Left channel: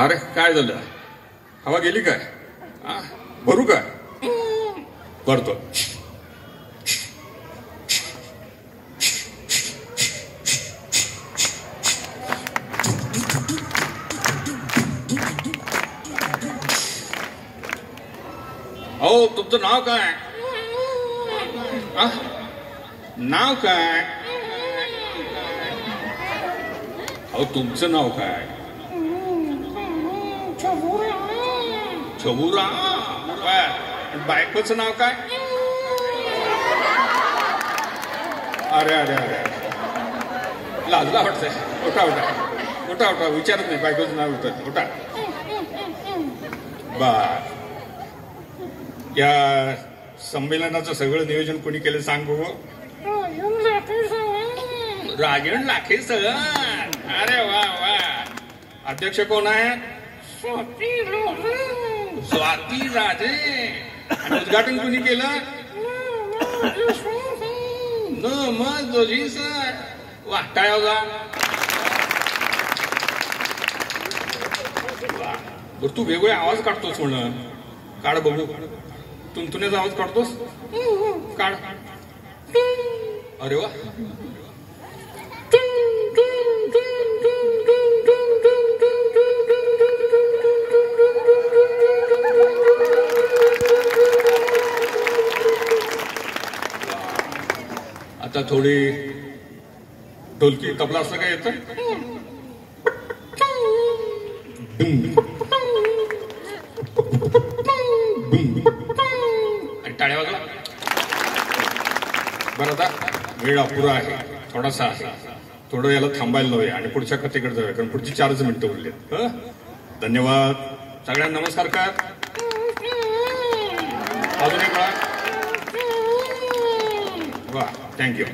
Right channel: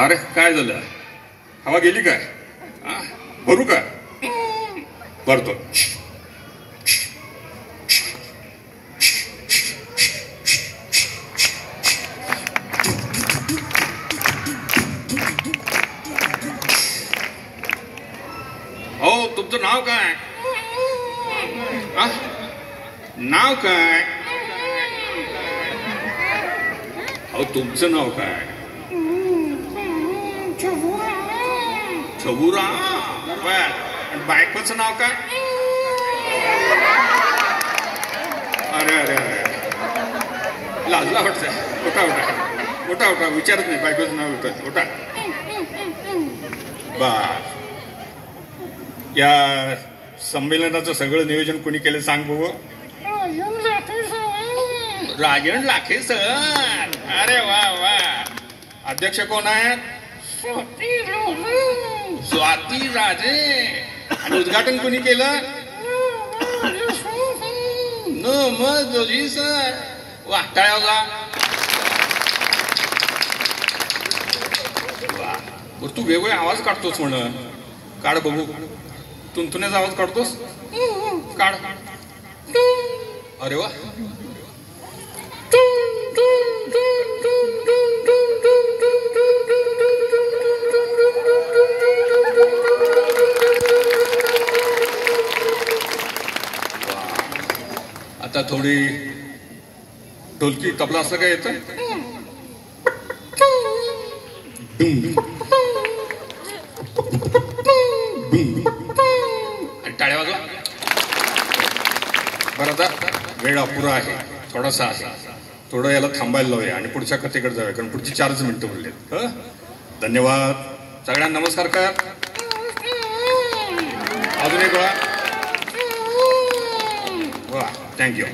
अरे काय झालं? हवा गेली काय? भरू का? भरतो. हो, तुमचं नाव काय? नाव काय? हो, तुमचं नाव काय? छबुरा. बायकोचं नाव काय? अरे अरे अरे, लाजला वाटतंय. उठा उठा उठा उठा, विचारत नाही बायकोचं नाव. उठा बा. या संमेलनाचं सगळं नियोजन कोणी केलं सांग बघ. राजन लाखे सर. अरे वा वा. अध्यक्ष कोण आहे? स्वाती राजे. आणि उद्घाटन कोणी केलं? मग जोशी सर. वाटाळा. बर, तू वेगवेगळे आवाज काढतोस म्हण. काढ बघू. तुंतुण्याचा आवाज काढतोस? काढ. अरे वा. आता थोडी ढोलकी तबला असं काय येतं? आणि टाळ्या वाजवा. बरं, आता वेळ अपुरा आहे, थोडासा आहे. थोडं याला थांबायला लावूया आणि पुढच्या कथेकडे जाऊया, कारण पुढची 4च मिनिटं उरलेत. धन्यवाद सगळ्यांना. नमस्कार का? अजून एक वेळा. वा, थँक्यू.